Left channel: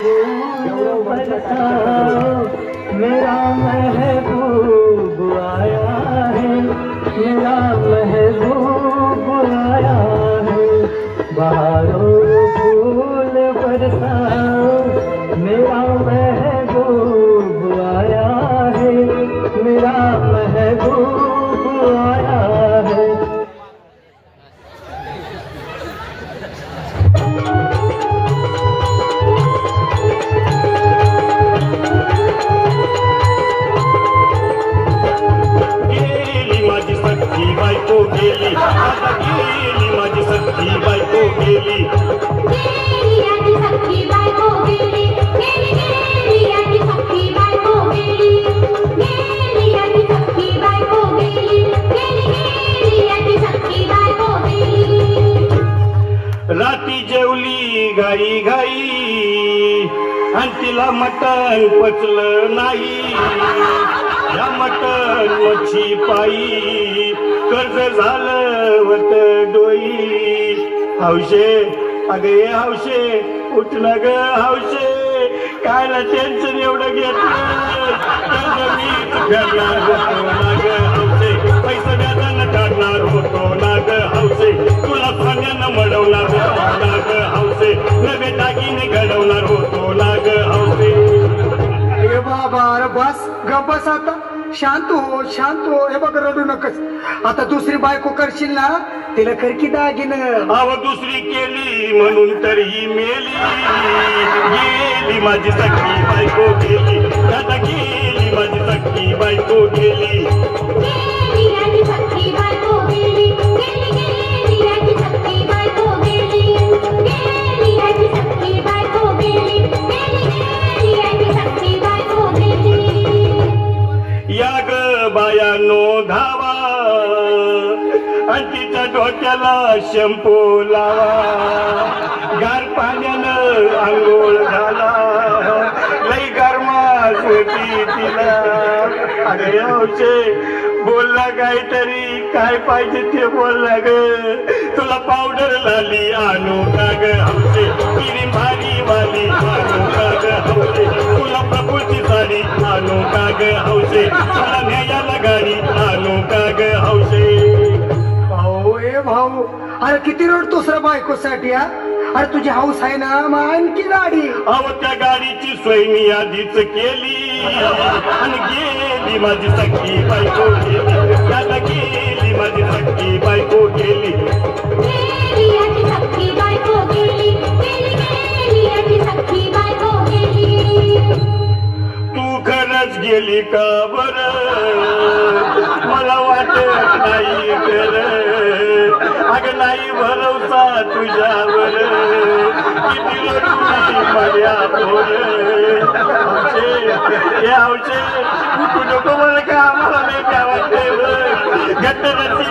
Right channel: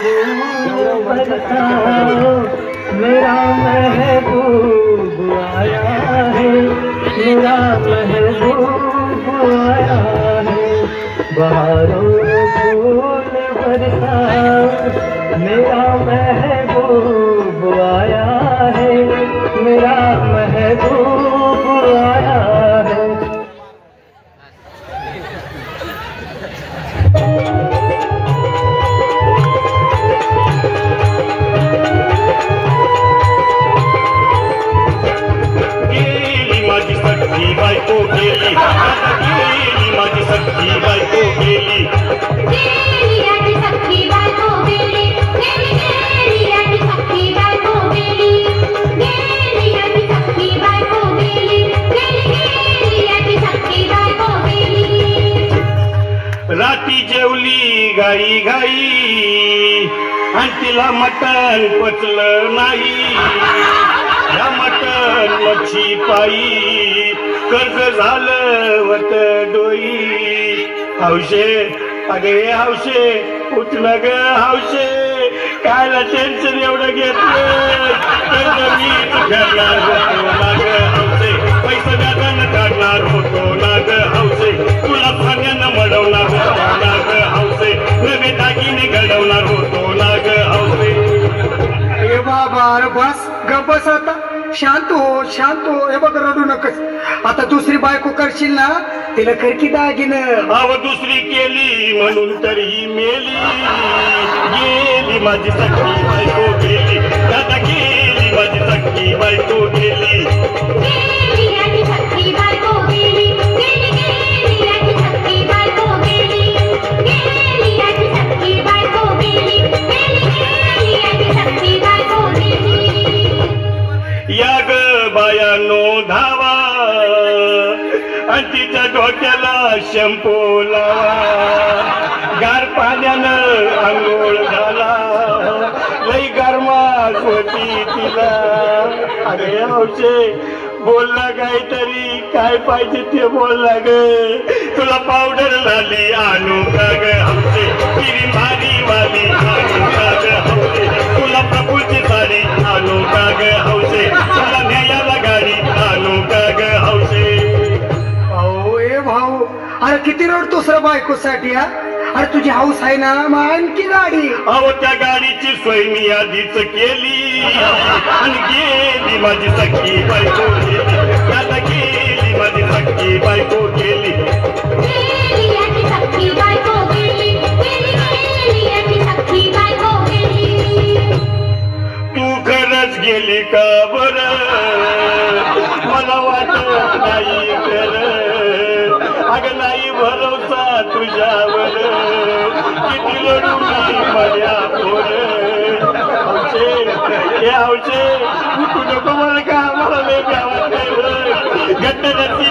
मेरा महबूब आया है, मेरा महबूब आया है, बहारों फूल बरसाओ, मेरा महबूब आया है, मेरा महबूब आया है। राती जेवली घाई घाई आणि तिला मटण पचलं नाही, या मटण मच्छी पायी कर्ज झालं वत डोई। हौशे अगे हौशे उठलं ग हौशे, कायला टेन्शन एवढं घेतलं, कर्ज मी घडणार होतो ना ग हौशे, पैसे व्याजानं काढणार होतो ना ग हौशे, तुला सोन्यानं मडवणार होतो ना ग हौशे, नवे दागिने घडवणार होतो ना ग हौशे। ए बाबा अरे बस गप बस आता, शांत हो शांत हो। हे बघ रडू नकस, आता दुसरी बायको करशील ना तिला कर की दागिनं। अव दुसरी केली म्हणून तर ही मेली, गेली माझी सख्खी बायको गेली, दादा गेली माझी सख्खी बायको गेली, गेली याची सख्खी बायको गेली, गेली गेली याची सख्खी बायको गेली, गेली याची सख्खी बायको गेली, गेली गेली याची सख्खी बायको गेली। या ग बायानो धावा आणि तिच्या डोक्याला शॅम्पू लावा, गार पाण्यानं आंघोळ झाला, लई गरमास होती तिला। अरे हौशे बोलला काहीतरी, काय पाहिजे ते बोलला ग, तुला पावडर लाली आणू का ग हौशे, किरी भारी वाली आणू का ग हौशे, तुला प्रकृती साडी आणू का ग हौशे, तुला न्यायाला गाडी आणू का ग हौशे। भाऊ ए भाऊ अरे किती रडतोस रे बायकोसाठी हा? अरे तुझी हाऊस आहे ना मग आणखी गाडी। अहो त्या गाडीची सोय मी आधीच केली आणि गेली माझी सख्खी बायको गेली, आता गेली माझी सख्खी बायको गेली, गेली याची सख्खी बायको गेली, गेली गेली याची सख्खी बायको गेली। तू खरंच गेली का बरं, मला वाटत नाही खरं, अगं नाही भरवसा तुझ्यावर, किती रडूली माझ्या पोर। हौशे हे हौशे तू नको मला का, मला लय प्या वाटते, घट्ट नसती